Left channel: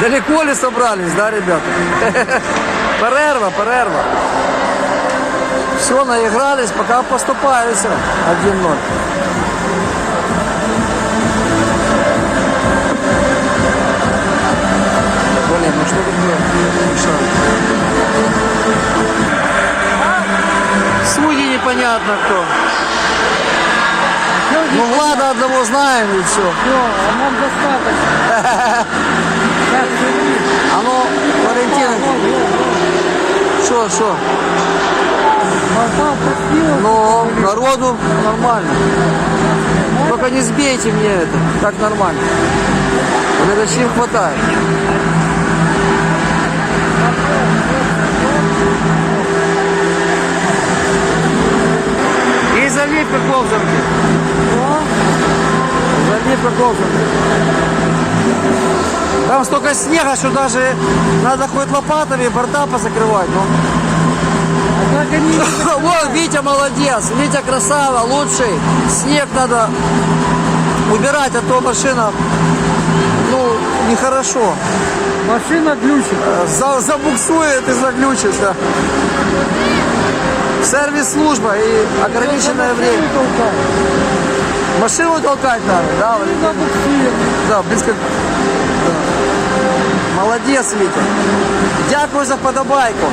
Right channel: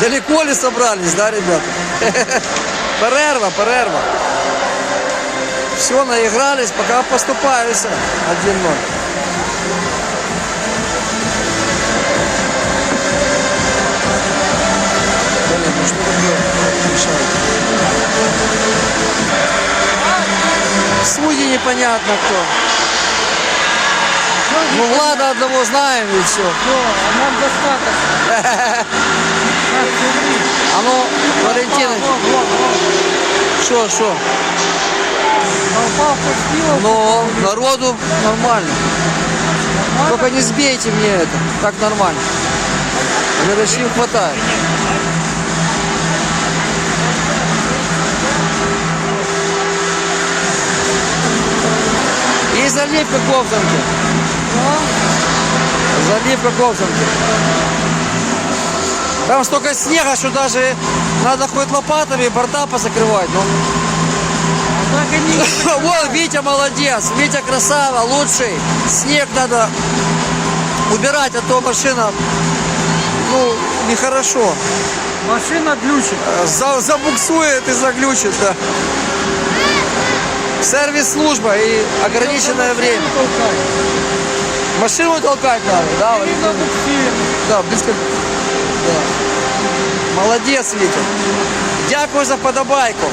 Далеко ли собрались, да, ребята? Перерва, перерва. Все, наигрались, пока поступаюся 1-0. Блин, ну что такое? Судьи непонятно кто. Ну, Влада одного знаем и все. Все, а нам достаточно. Валентин, что, пустила. Но народу нормально. Только не сбейте мне это, так нормально. Горячим хватает. И заливка ковзанки. Заливка ковзанки. Там столько снега, что даже надо хоть лопатами борта позакрывать. Ну. А Вот, Витя молодец, Витя красава, лучший. Снег надо убирать, а то машина, ну, нехорошо. Машина глючит. За, забуксует и заглючит, да. Сервис-служба и ограниченное время. Машину толкать надо, да? Да, как... Да. Молодец, Витя. Дякую за подобайку.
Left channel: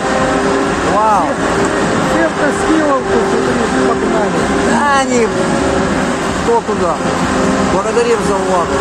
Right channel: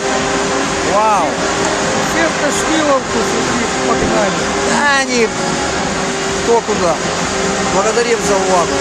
Вау. Сетка шпиловку, смотри, погнали. Да, они кто куда. Благодарим за увагу.